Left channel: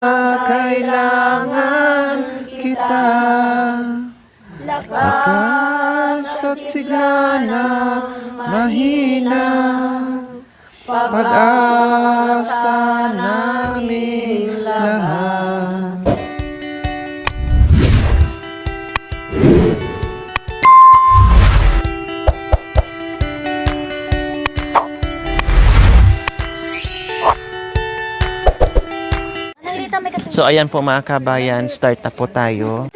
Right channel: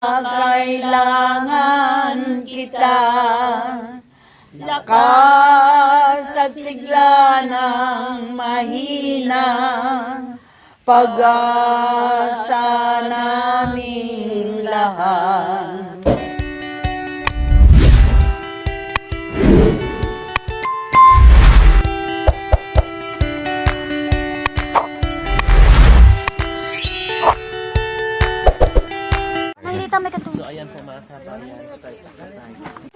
Kailangan kita, lakas at sigla ng mahina, pag-asa namin lahat. So ayan po mga kabayan, start na po tayo.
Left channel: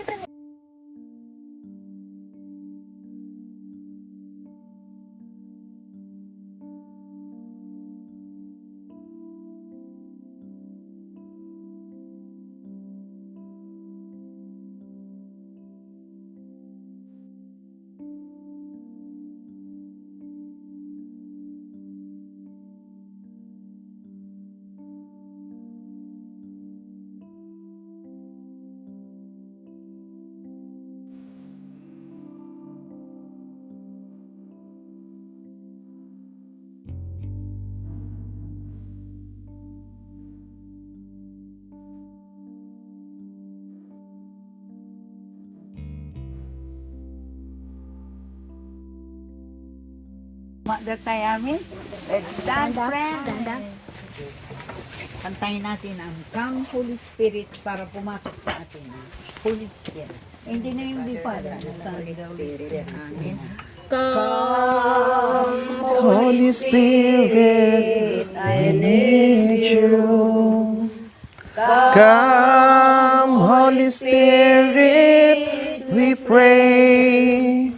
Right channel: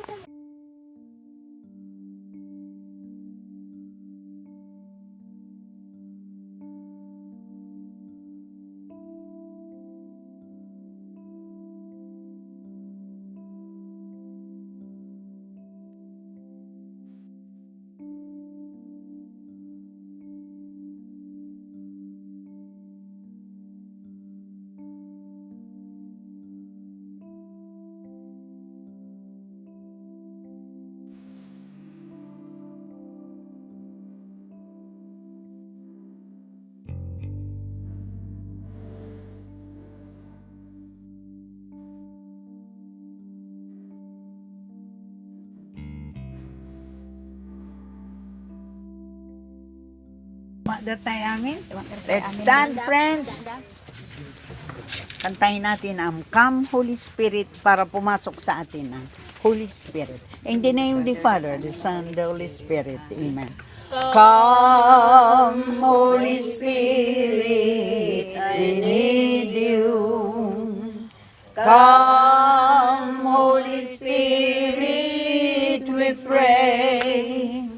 Let's stand, friends. Kantayin natin ang Come Holy Spirit para pumasok sa atin ang Holy Spirit. In the name of the Father, the Son, the Holy Spirit. Amen. Come, Holy Spirit, I need you. Come, Holy Spirit, we pray.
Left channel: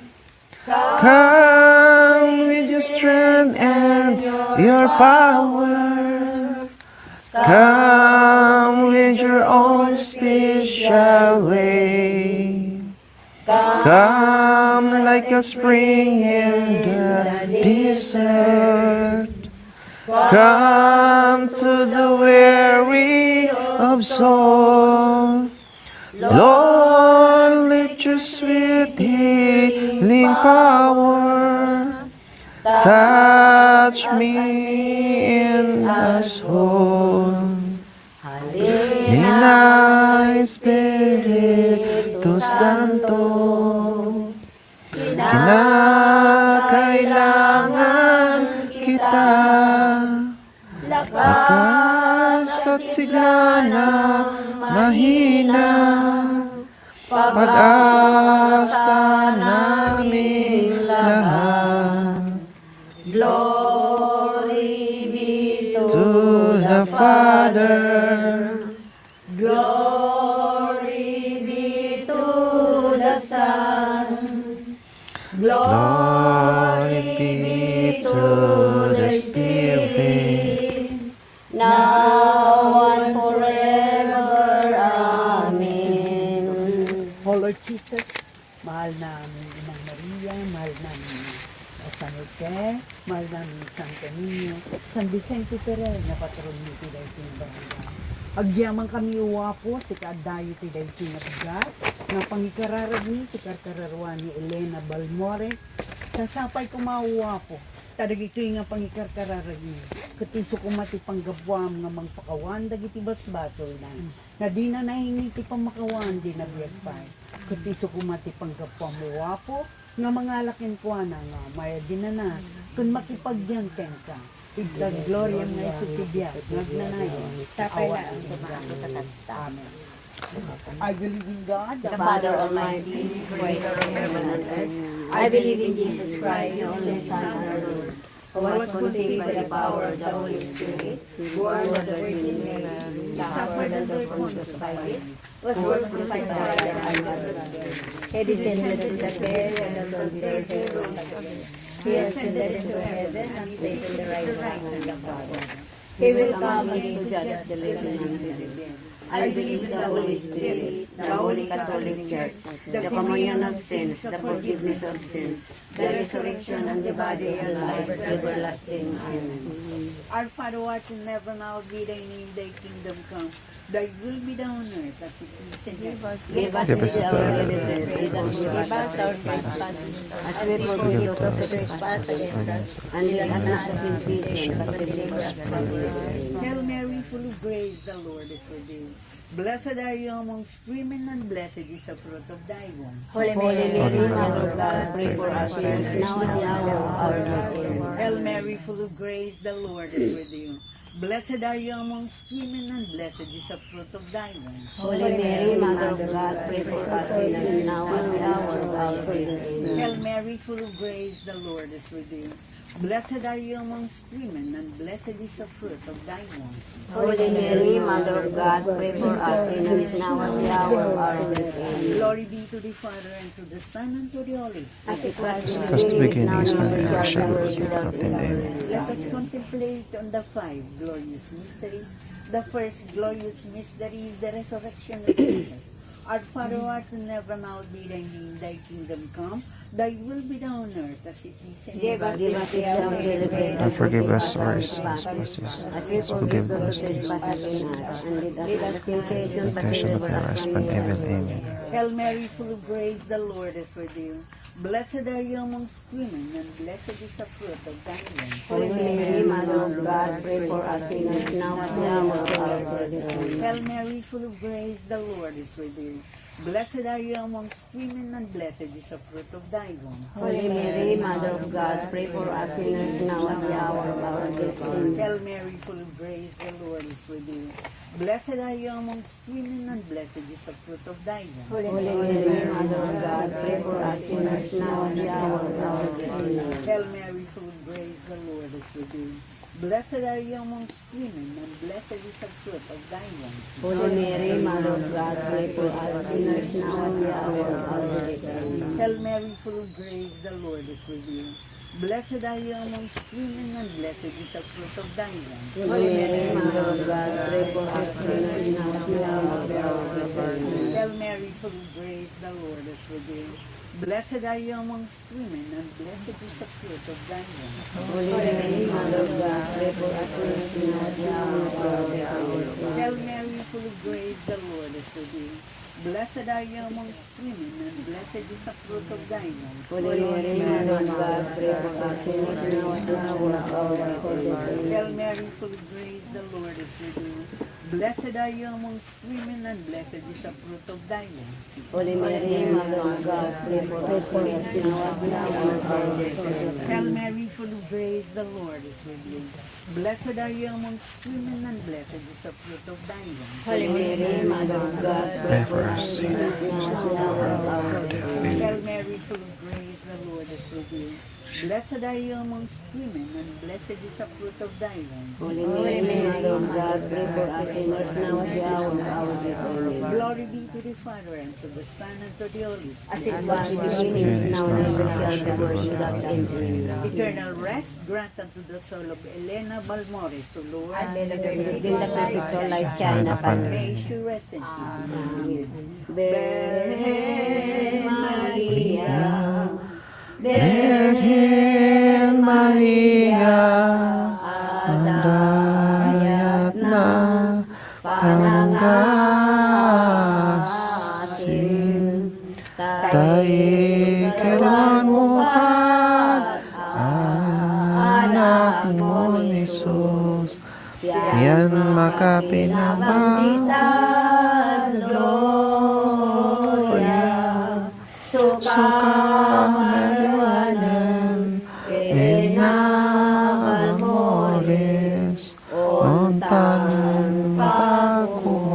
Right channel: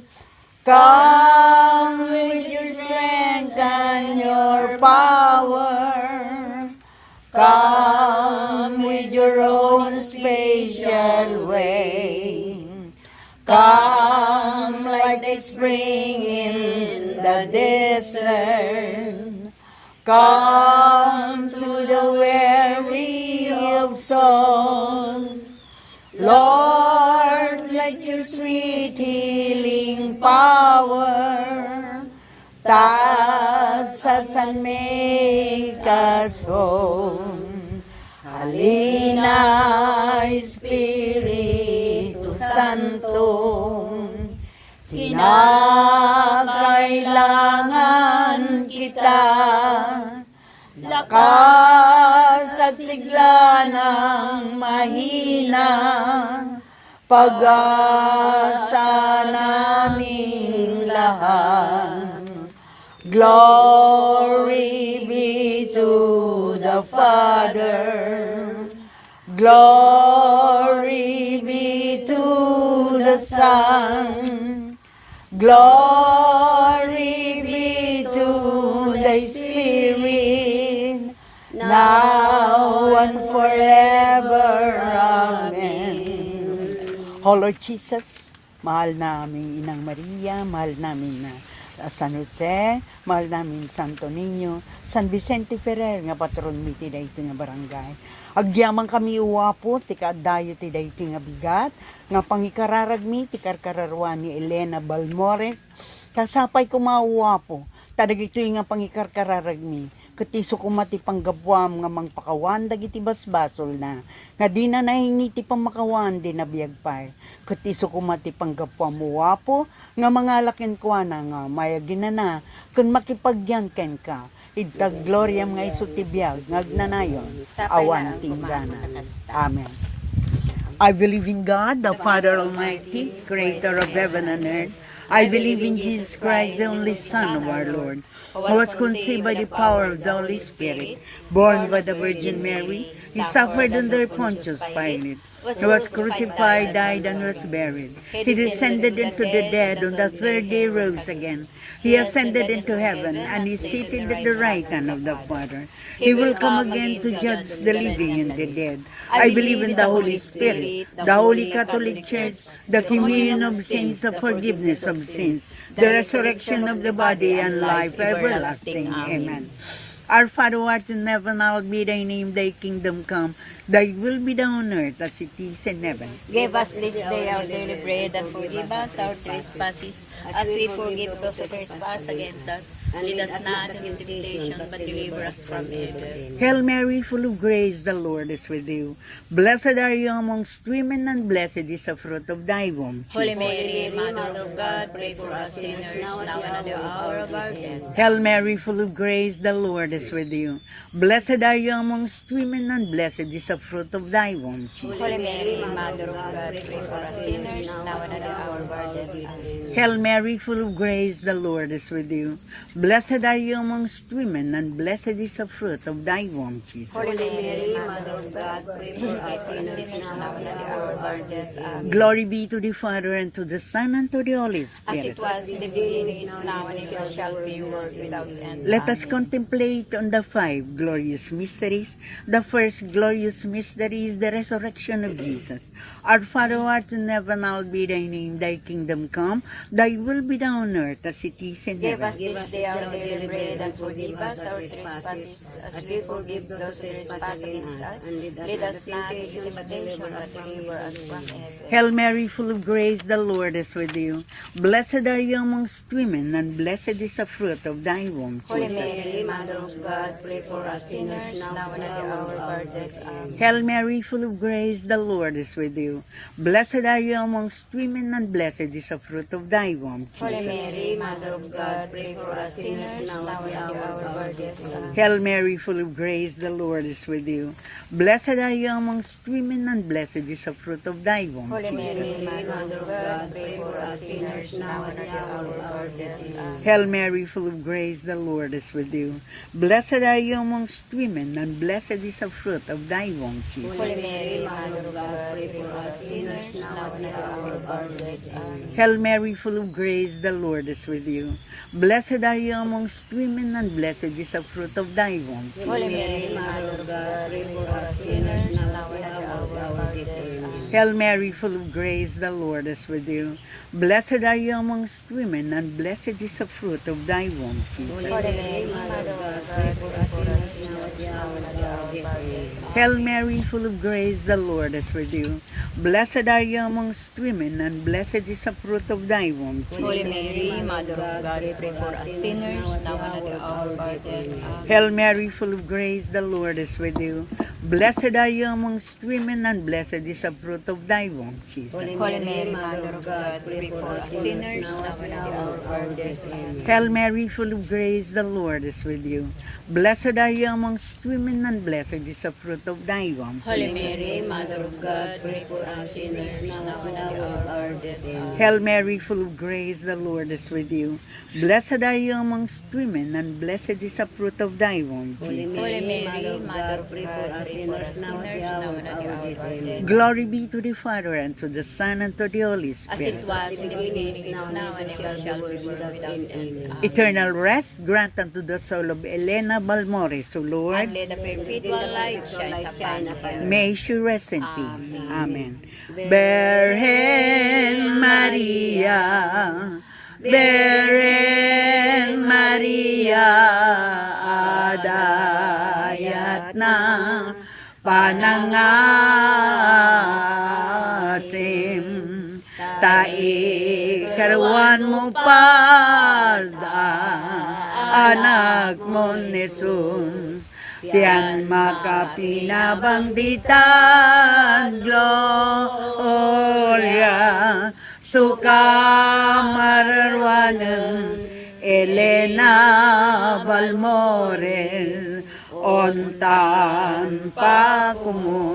Come with your strength and your power. Come with your own special way. Come like a spring in the desert. Come to the weary of soul. Lord, let your sweet healing power touch me in the soul. Halina, Espiritu Santo, kailangan kita, lakas at sigla ng mahina, pag-asa namin lahat. Glory be to the Father, glory be to the Son, glory be to the Spirit, now and forever. Amen. Oh Lord Jesus, mahal namin Inang Maria, mahal namin San Jose, mahal namin Santo Niño, San Vicente Ferrer, nga patron mi ti dayto nga barangay. Agyaman kami uwapo, ti kaadayo ti dayto nga bigat, nga pangikararag mi, ti karkararwa ni Elena Balmore, tasapay ko mauwapo, tadagito nga pangikarkararag mi, katiso ko mati panggabwam nga mangpakawan, dagiti basbasol na, nga di na nahingi ti pamakawan, di nabiyagpay, katiso ko mati panggabwam uwapo, nga mga lakin ko na nga maya ginana kun makipagyan ken ka iddag gloryam nga isu ti biag ngagnanayon awan ti gana. Amen. I believe in God, the Father Almighty, creator of heaven and earth. I believe in Jesus Christ, the only Son of our Lord, who was conceived by the power of the Holy Spirit, born by the Virgin Mary. He suffered under Pontius Pilate. He was crucified, died, and was buried. He descended into the dead, on the third day rose again. He ascended into heaven, and is seated at the right hand of the Father. He will come again to judge the living and the dead. I believe in the Holy Spirit, the Holy Catholic Church, the communion of sins, the forgiveness of sins, the resurrection of the body, and life everlasting. Amen. Our Father who art in heaven, hallowed be thy name, thy kingdom come. Thy will be done on earth as it is in heaven. Give us Give us this this day day our our daily bread, and forgive us our trespasses, as we forgive those who trespass against us. And lead us not into temptation, but deliver us from evil. Hail Mary, full of grace, the Lord is with you. Blessed are you amongst women, and blessed is the fruit of thy womb. Holy Mary, Mother of God, pray for us sinners, now and at the hour of our death. Hail Mary, full of grace, the Lord is with you. Blessed are you amongst women, and blessed is the fruit of thy womb. Holy Mary, Mother of God, pray for us sinners, now and at the hour of our death. Hail Mary, full of grace, the Lord is with you. Blessed are you amongst women, and blessed is the fruit of thy womb, Jesus. Holy Mary, Mother of God, pray for us sinners, now and at the hour of our death. Glory be to the Father, and to the Son, and to the Holy As Spirit. it was in the As the beginning, now beginning is and now at and the ever hour shall of our be, death. without end. Let us contemplate on the 5 glorious mysteries. The first glorious mystery is the resurrection of Jesus. Our Father who art in heaven, hallowed be thy name, thy kingdom come, thy will be done on earth as it is in Give heaven. us this day our daily bread, And forgive us our trespasses, trespasses, as we as we forgive forgive those those who trespass against us. And lead us not into temptation, temptation, but but deliver us deliver from us evil. from Amen. evil. Hail Mary, full of grace, the Lord is with you. Blessed are you amongst women, and blessed is the fruit of thy womb. Holy Mary, Mother of God, pray for us sinners, now and at the hour of our death. Hail Mary, full of grace, the Lord is with you. Blessed are you amongst women, and blessed is the fruit of thy womb. Holy Mary, Mother of God, pray for us sinners, now and at the hour of our death. Hail Mary, full of grace, the Lord is with you. Blessed are you amongst women, and blessed is the fruit of thy womb. Holy Mary, Mother of God, pray for us sinners, now and at the hour of our death. Hail Mary, full of grace, the Lord is with you. Blessed are you amongst women, and blessed is the fruit of thy womb, Jesus. Holy Mary, Mother of God, pray for us sinners, now and at the hour of our death. Hail Mary, full of grace, the Lord is with you. Blessed are you amongst women, and blessed is the fruit of thy womb. Holy Mary, Mother of God, pray for us sinners, now and at the hour of our death. Hail Mary, full of grace, the Lord is with you. Blessed are you amongst women, and blessed is the fruit of thy womb. Holy Mary, Mother of God, pray for us sinners, now and at the hour of our death. Hail Mary, full of grace, the Lord is with you. Blessed are you amongst women, and blessed is the fruit of thy womb. Holy Mary, Mother of God, pray for us sinners, now and at the hour of our death. Hail Mary, full of grace, the Lord is with you. Blessed are you amongst women, and blessed is the fruit of thy womb, Jesus. Holy Mary, Mother of God, pray for us sinners, now and at the hour of our death. Hail Mary, full of grace, the Lord is with you. Blessed are you amongst women, and blessed is the fruit of thy womb. Holy Mary, Mother of God, pray for us sinners, now and at the hour of our death. Hail Mary, full of grace, the Lord is with you. Blessed are you amongst women, and blessed is the fruit of thy womb, Jesus. Holy Mary, Mother of God, pray for us sinners, now and at the hour of our death. Glory be to the Father, and to the Son, and to the Holy As it Spirit. was in the beginning, now and ever shall be, without end. Eternal rest grant unto the soul of Elena Balmores, O Lord. And in a perpetual life shine upon. May she rest in peace. Amen. Virgen Maria, Virgen Maria, adayat ng panangasim, tayo karuan mo pa, anak mo Jesus, tiyan makapinabanggitan, gloria, suka mararwanan, Elena Balmores, ontan pangun.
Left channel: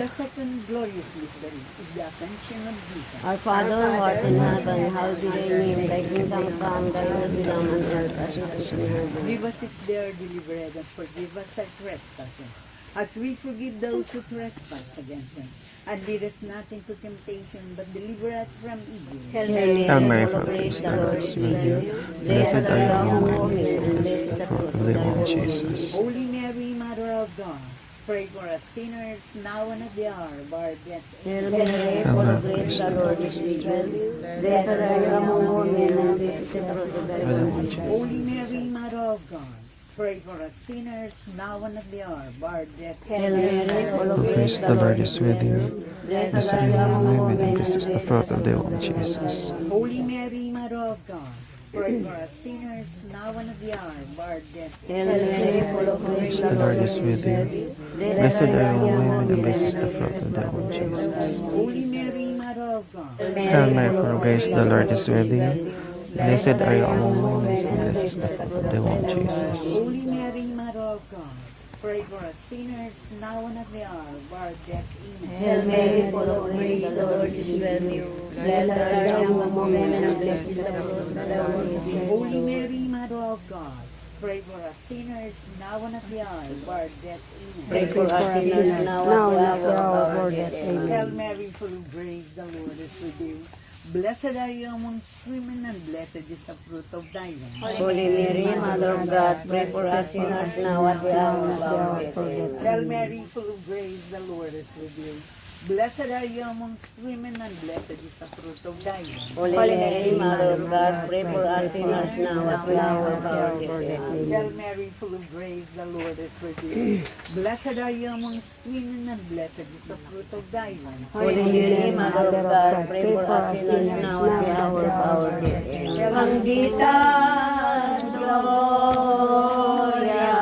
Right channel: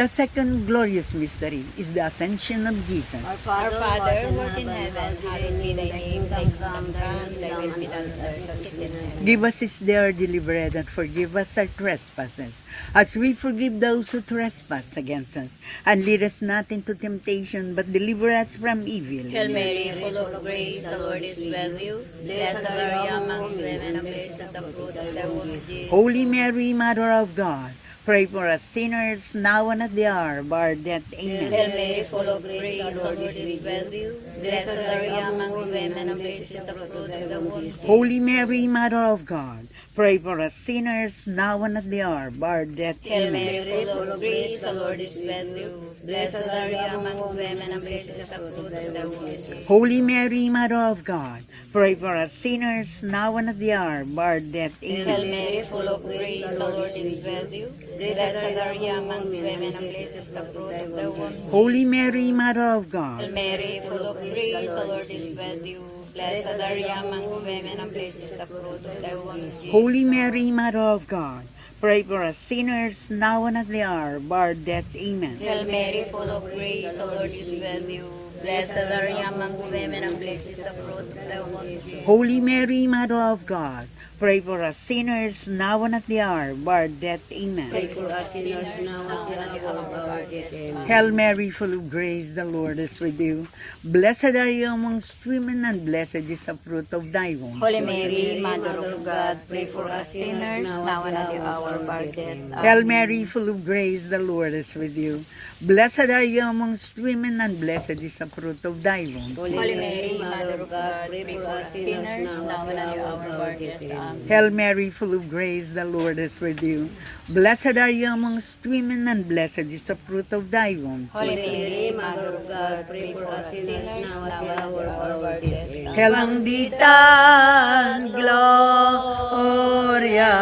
The second glorious mystery is the ascension of Jesus. Our Father, who art in heaven, hallowed be thy name, thy kingdom come, thy will be done on earth as it is in heaven. Give us this day our daily bread, and forgive us our trespasses, as we forgive those who trespass against us. And lead us not into temptation, but deliver us from evil. Hail Mary, Hail Mary, full of full of grace, grace, the Lord is with you. Blessed are you among women, and women, blessed is the fruit fruit of of thy thy womb, womb, Jesus. Holy Mary, Mother of God, pray for us sinners, now and at the hour of our death. Hail Amen. Mary, full of grace, the Lord is with you. Blessed are you among women, and blessed is the fruit of thy womb. Holy Mary, Mother of God, Pray for us sinners, now and at the hour of our death. Hail Mary, full of Praise grace, the Lord is with you. blessed are you among women, This is the fruit of the womb, Jesus. Holy Mary, Mother of God, pray for us sinners, now and at the hour of our death. Hail Mary, full of grace, The Lord is with you. Blessed are you among women, this is the fruit of the womb, Jesus. Holy Mary, Mother of God, Hail Mary, full of grace, the Lord is with you. Blessed are you among women, this is the fruit of the womb, Jesus. Holy Mary, Mother of God, pray for us sinners, now and at the hour of our death. Amen. Hail Mary, full of grace, the Lord is with you. Blessed are you among women, and blessed is the fruit of thy womb. Holy Mary, Mother of God, pray for us sinners, now and at the hour of our death. Amen. Pray for us sinners, now and at the hour of our death. Amen. Hail Mary, full of grace, the Lord is with you. Blessed are you amongst women, and blessed is the fruit of thy womb. Holy Mary, Mother of God, pray for us sinners, now and at the hour of our death. Hail Mary, full of grace, the Lord is with you. Blessed are you amongst women, and blessed is the fruit of thy womb. Holy Mary, Mother of God, pray for us sinners, now and at the hour of our death. Hail Mary, full of grace, the Lord is with you. Blessed are you amongst women, and blessed is the fruit of thy womb. Holy Mary, Mother of God, pray for us sinners, now and at the hour of our death. Hail Angelican Gloria,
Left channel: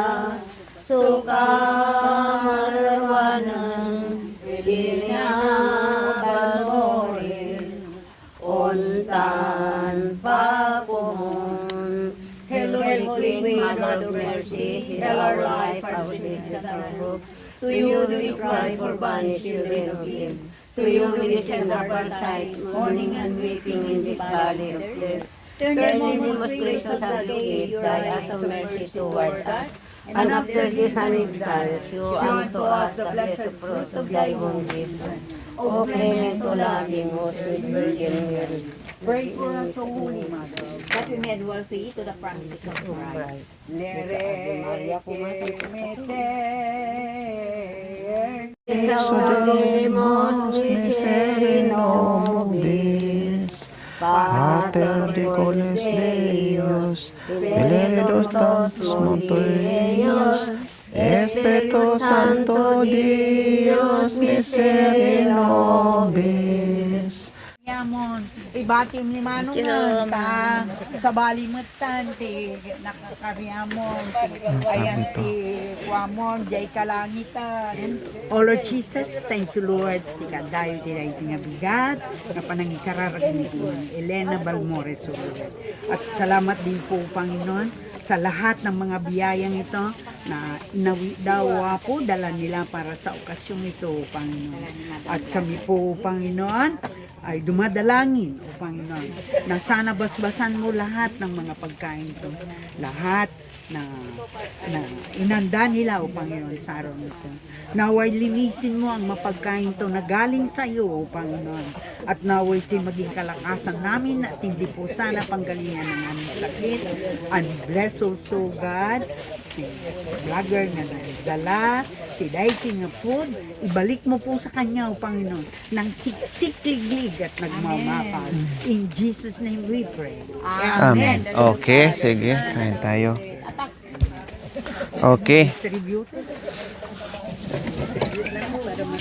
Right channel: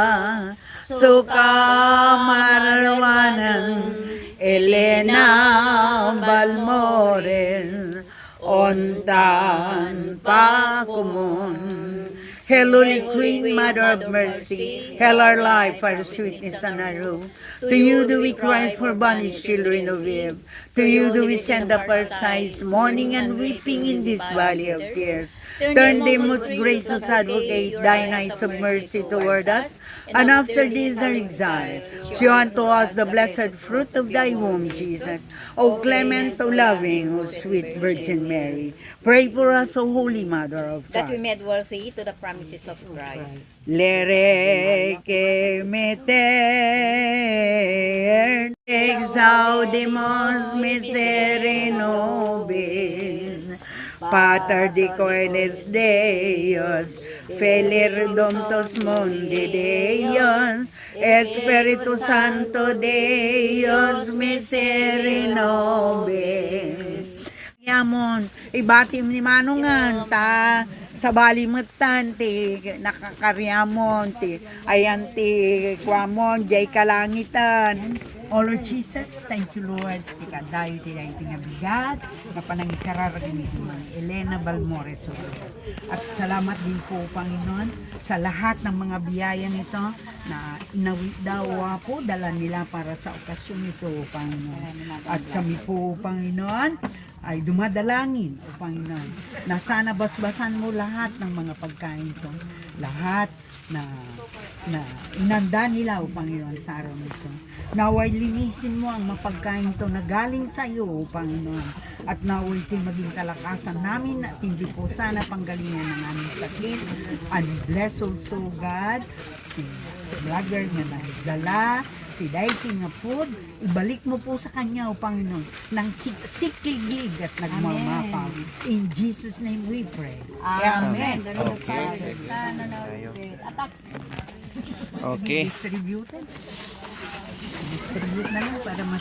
Sukamarwanan, Elena Balmores, Ontan Pakumon. Hail Holy Queen, Mother of Mercy, hail our life, our sweetness, and our hope. To you do we cry for banished children of Eve. To you do we send up our sighs, mourning and weeping in this valley of tears. Turn thee, most gracious Advocate, thine eyes of mercy toward us, and after this our exile, show unto us the blessed fruit of thy womb, Jesus. O clement, O loving, O sweet Virgin Mary, pray for us, O Holy Mother of That we God. made worthy to the promises of Christ. Lereke meter, exaudimos misery nobis, Pater de cordes Deus, Filius Mongelius, Espiritu Santo Deus, misery nobis. Yamon, ibatim ni Manong nga, sa balimutan, ti nakakaryamon, ti ayan ti kwamon, jay kalangitan. Oh Lord Jesus, thank you Lord, ti kadayo ti na iti nga bigat, na panangikararagin ni Elena Balmores, O Lord. At salamat din po Panginoon, sa lahat ng mga biyayang ito, na inawi daw po, dala nila para sa okasyon ito, Panginoon. At kami po, Panginoon, ay dumadalangin, O Panginoon, na sana basbasan mo lahat ng mga pagkain ito. Lahat na inanda nila, O Panginoon, sa araw nito. Naway linisin mo ang mapagkain ito na galing sa iyo, O Panginoon. At naway ti maging kalakasan namin at hindi po sana panggalingan ng aming sakit. And bless also God, si vlogger na nagdala, si dating na food, ibalik mo po sa kanya, O Panginoon, ng sikliglig at nagmamapaw. In Jesus' name we pray. Amen. Okay, sige. Kain tayo. Okay. Distributed. Distribute lang para mas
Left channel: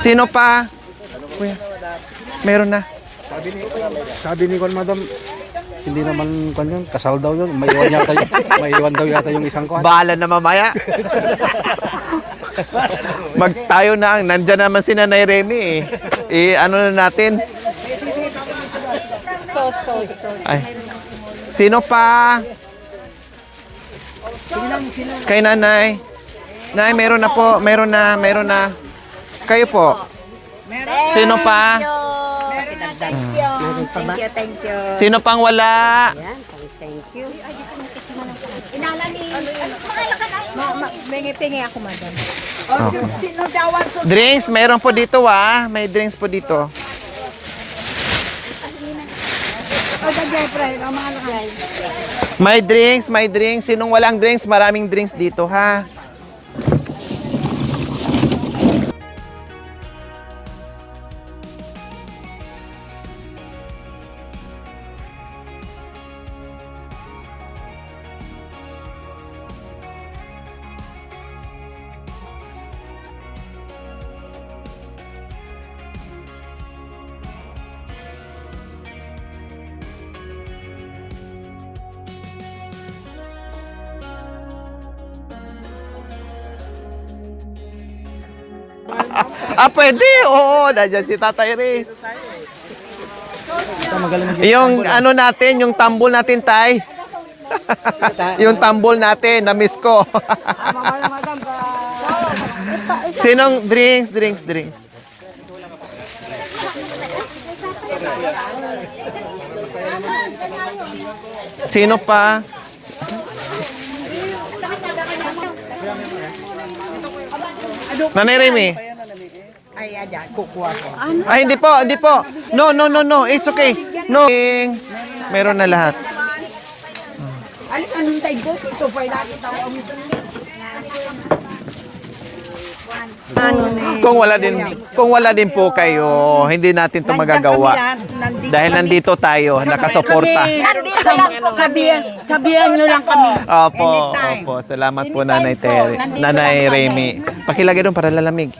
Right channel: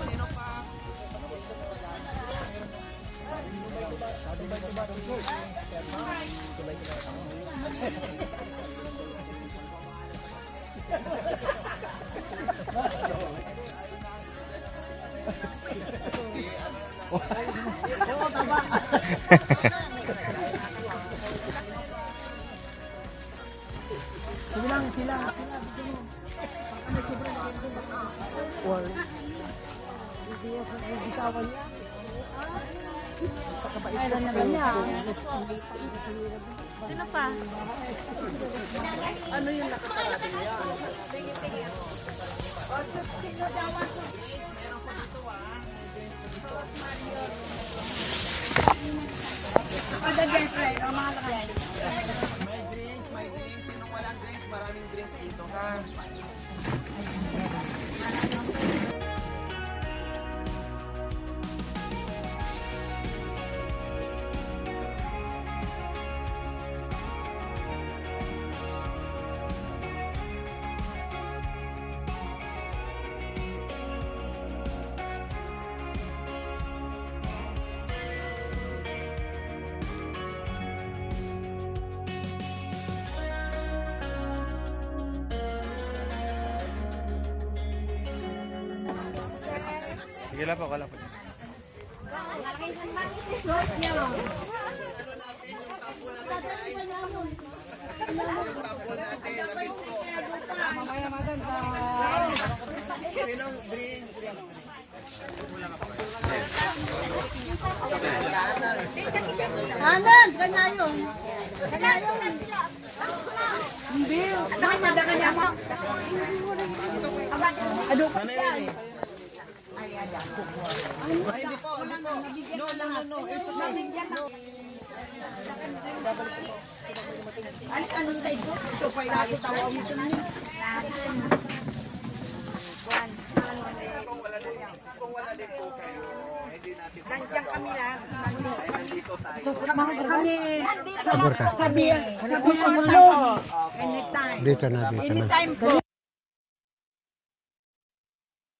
Sino pa? Kuya, meron na. Sabi ni Kwan, madam, hindi naman kwan yun, kasal daw yun. May iwan daw yata yung isang kwan. Bahala na mamaya. Magtayo na ang, nandyan naman si Nanay Remy eh. Ano na natin? Ay. Sino pa? Kay Nanay. Nay, meron na po. Meron na. Kayo po. Sino pa? Thank you. Sino pang wala? Pingi ako, madam. Okay. Drinks, meron po dito May drinks po dito. May drinks. Sinong walang drinks, maraming drinks dito ha. Pwede. Oo, nandiyan si Tatay Ray. Yung ano natin, yung tambol natin, Tay. Yung tambol natin, na-miss ko. Sinong drinks? Sino pa? Nanay Remy. Ay, hindi po. No. It's okay. No. Meron na lahat. Kung wala din po kayo, hindi natin 'to magagawa. Dahil nandito tayo, nakasuporta. Sabihan nyo lang kami. Opo. Salamat po Nanay Remy. Pakilagay doon para lalamig.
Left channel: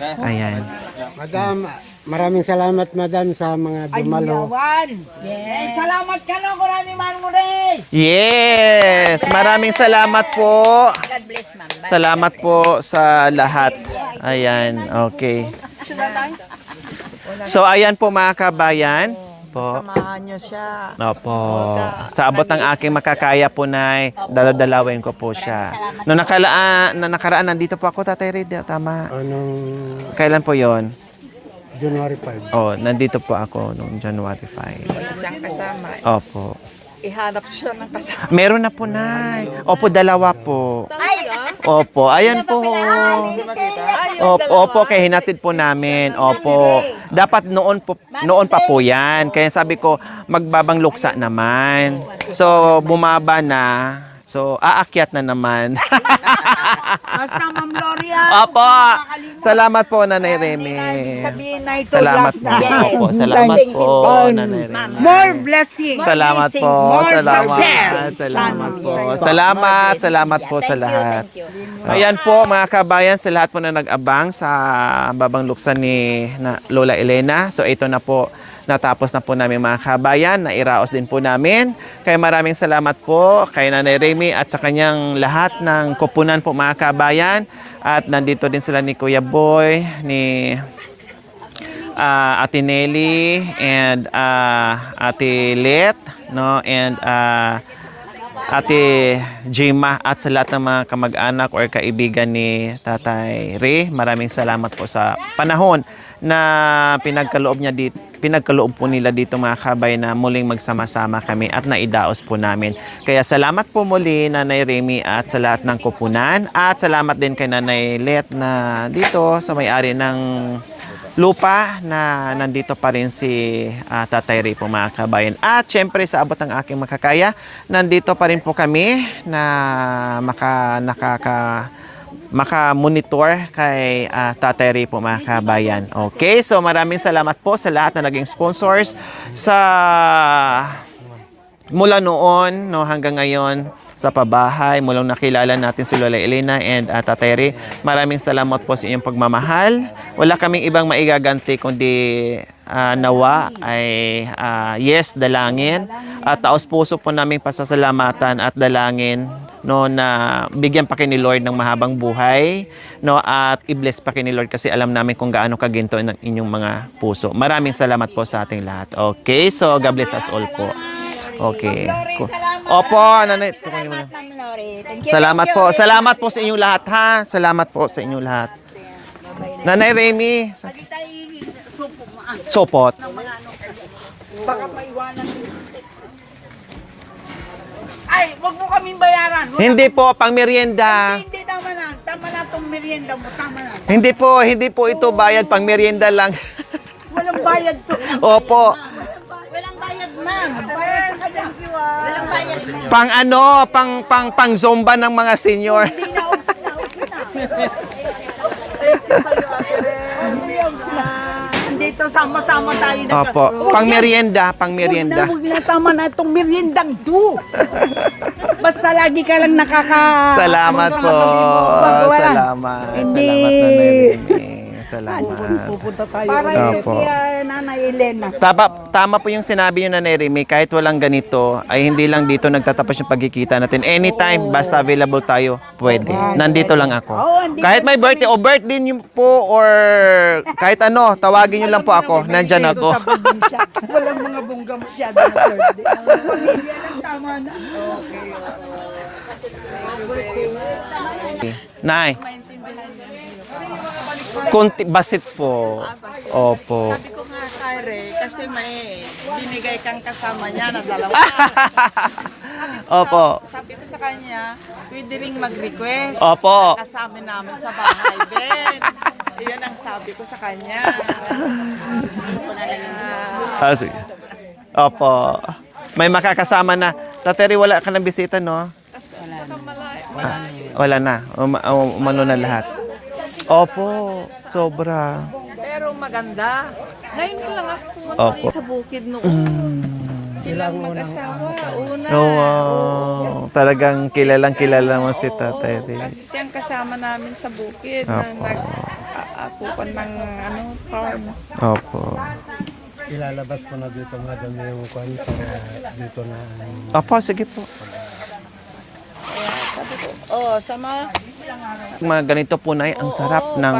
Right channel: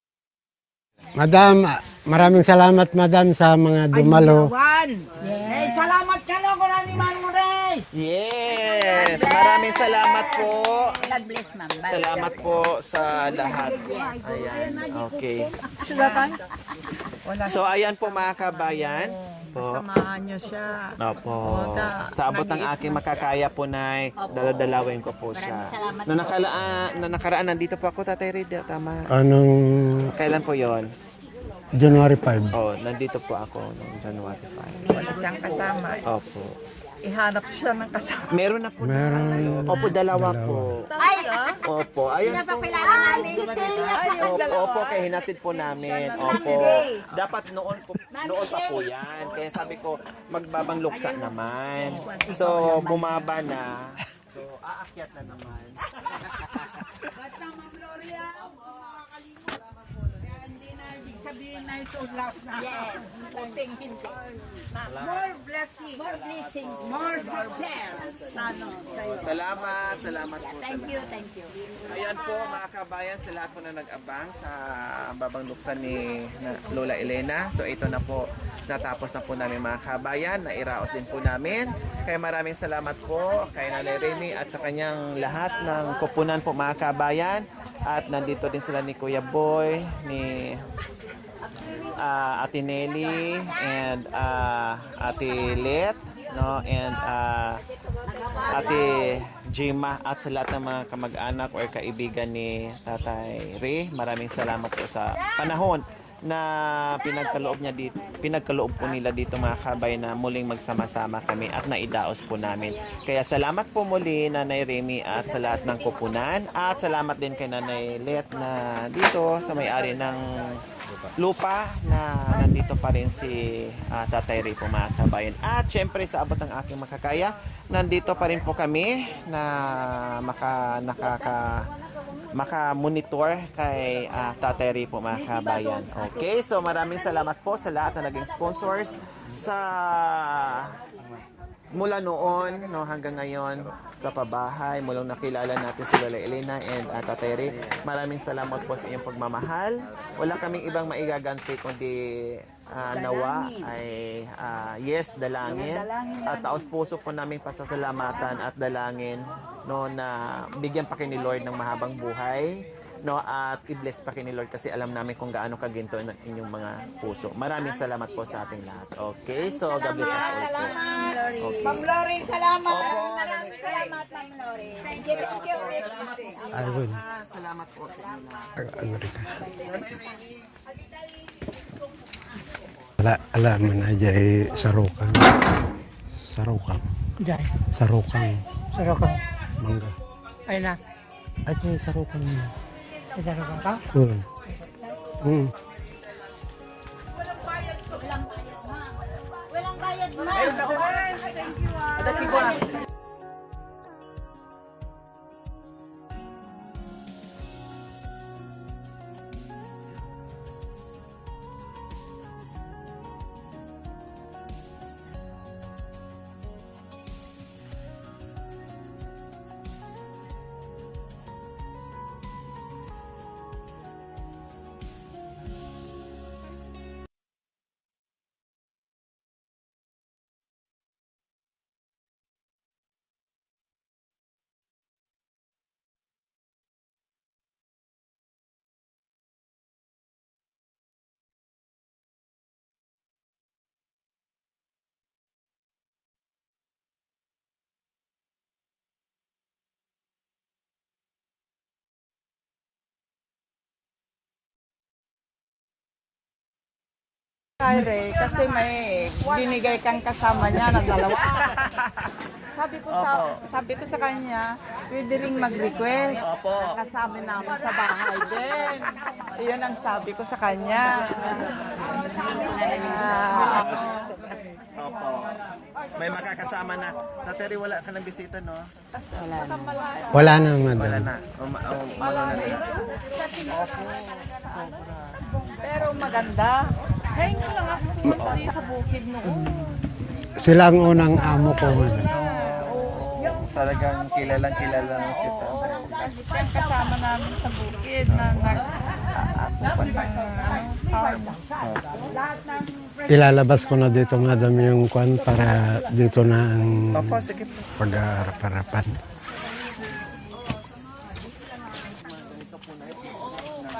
Ayan. Madam, maraming salamat, madam, sa mga dumalo. Salamat ka no, kurani man mo rin. Yes! Maraming salamat po. God bless, ma'am. Salamat po sa lahat. Ayan, okay. So, ayan po mga kabayan. Samahan niyo siya. Opo. Sa abot ng aking makakaya po, Nay, daladalawin ko po siya. Noong nakaraan, nandito po ako, Tatay Ray. Tama. Anong Kailan po yon? January 5? Oh, nandito po ako noong January 5. Wala siyang kasama. Opo. Ihanap siya ng kasama. Meron na po, Nay. Opo, dalawa po. Opo, ayan po. Opo, kaya hinatid po namin. Opo. Dapat noon pa po yan. Kaya sabi ko, magbabang luksa naman. So, bumaba na. So, aakyat na naman. Basta, Ma'am Gloria. Opo. Salamat po, Nanay Remy. Sabihin na ito, Salamat last po. na. Opo, salamat po, Nanay Remy. More blessings. Salamat po. More Salamat. success. Salamat po. Salamat po sa lahat. Ayan po mga kabayan, sa lahat po na nag-abang sa babang luksan ni Lola Elena. So ito na po, natapos na po namin mga kabayan, nairaos din po namin. Kaya maraming salamat po kay Nanay Remy at sa kanyang lahat ng kupunan po mga kabayan. At nandito din sila ni Kuya Boy, ni Ate Nelly, and Ate Let, no? And Ate Jima at sa lahat ng mga kamag-anak or kaibigan ni Tatay Ray. Maraming salamat po sa panahon na pinagkaloob po nila dito mga kabay na muling magsama-sama kami at naidaos po namin. Kaya salamat po muli Nanay Remy at sa lahat ng kupunan at salamat din kay Nanay Let na dito sa may-ari ng lupa na nandito pa rin si Tatay Ray po mga kabayan. At syempre sa abot ng aking makakaya, nandito pa rin po kami na maka-monitor kay Tatay Ray po mga kabayan. Okay, so maraming salamat po sa lahat na naging sponsors sa mula noon no, hanggang ngayon sa pabahay. Mulang nakilala natin si Lola Elena and Tatay Ray. Maraming salamat po sa inyong pagmamahal. Wala kaming ibang maigaganti kundi nawa ay yes, dalangin. At taos puso po naming pasasalamatan at dalangin no, na bigyan pa kayo ni Lord ng mahabang buhay, no, at i-bless pa kayo ni Lord kasi alam namin kung gaano kaginto ng inyong mga puso. Maraming salamat po sa ating lahat. Okay, so God bless us all po. Okay. Opo, nanay. Salamat po. Salamat po sa inyong lahat, ha? Salamat po sa inyong lahat. Nanay Remy. Sopot. Alam mo na dyan sarukan. Sarukan. Ay, wag mo kami bayaran. Hindi po, pang merienda. Hindi, tama na. Tama na itong merienda. Tama na. Hindi po ito bayad, pang merienda lang. Walang bayad to. Opo. Walang bayad na. Bayad ka dyan, walang bayad na. Pang ano, pang zomba ng mga senior. Dito sama-sama tayo. Opo. Pang merienda. Huwag na, tama na itong meriendang to. Basta lagi ka lang Salamat po. Salamat. Hindi. Salamat, Nanay Remy. Salamat. Para Opo. kay Nanay Elena. Tama po yung sinabi niyo, Nanay Remy, kahit walang ganito, ay hindi lang dito nagtatapos yung pagkikita natin. Anytime, basta available tayo, pwede. Nandito lang ako. Kahit may birthday o birthday niyo po or kahit ano, tawagin niyo lang po ako. Nandyan ako. Walang mga bongga masyado na birthday. Pamilya lang, tama na. Nay. Konti, basit po. Opo. Sabi ko nga kay kasi may binigay kang kasama niya na dalawa. Opo. Sabi ko sa kanya, pwede ring mag-request. Opo. Kasama namin sa bahay din. Iyan ang sabi ko sa kanya. Sige. Opo. May makakasama na. Tateri, wala ka ng bisita, no? Wala na. Wala na. Umano na lahat. Opo. Sobra. Pero maganda. Ngayon lang ako Opo. sa bukid noon. Sila ang unang amo ko. Oh, wow. Talagang kilala mo si Tatay Ray. Siyang kasama namin sa bukid Opo. na nag-aapupan ng farm. Opo. Ilalabas ko na dito madam yung kwan para dito na ang Opo, sige po. pag-aarapan. Mga ganito po, Nay, ang sarap ng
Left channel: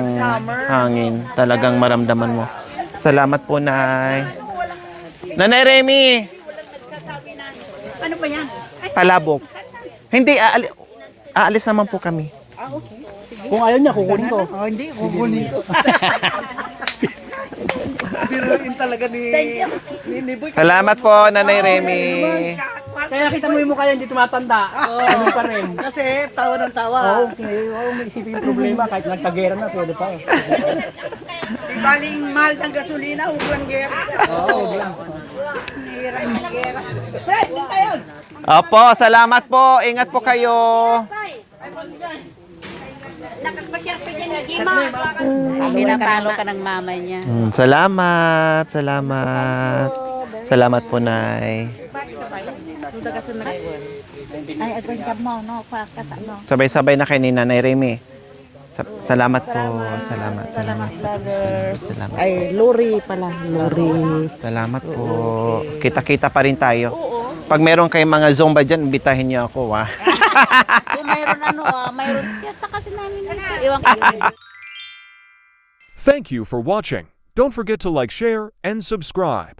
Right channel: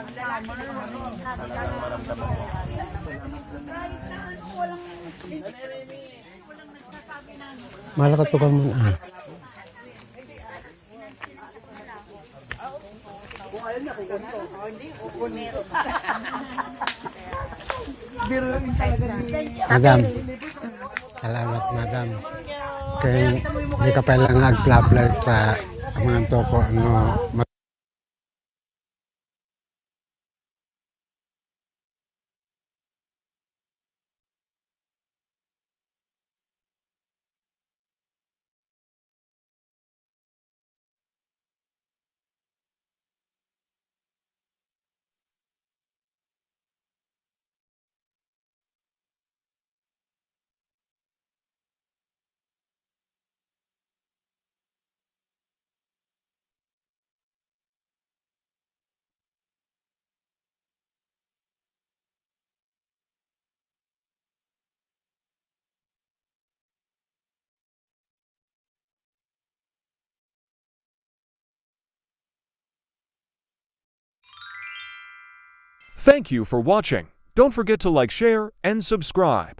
hangin. Talagang maramdaman mo. Salamat po, Nay. Nanay Remy, Malapit ko naman. palabok. Hindi, aalis naman po kami. Kung ayaw niya, kukunin ko. Hindi, kukunin ko. Madam, Salamat po, Nanay Remy. kaya nakita mo yung mukha yung pala nag-flat-flat ka. Ito po, Di baling mahal ng gasolina, huwag lang gera. Oo, huwag lang. Hirap ng gera. Fred, din tayo. Opo, salamat po. Ingat po kayo. Pinapalo ka ng mama niya. Salamat. Salamat po, Nay. Ay, agad ka mo, no? Kasano. Sabay-sabay na kay ni Nanay Remy. Salamat po. Salamat. Ay, Lori pala. Lori. Salamat po. Kita-kita pa rin tayo. Pag meron kayong mga Zumba dyan, bitahin niyo ako, ha? Kung mayroon mayroon. Fiesta kasi namin dito. Iwan ko. Thank you for watching. Don't forget to like, share, and subscribe.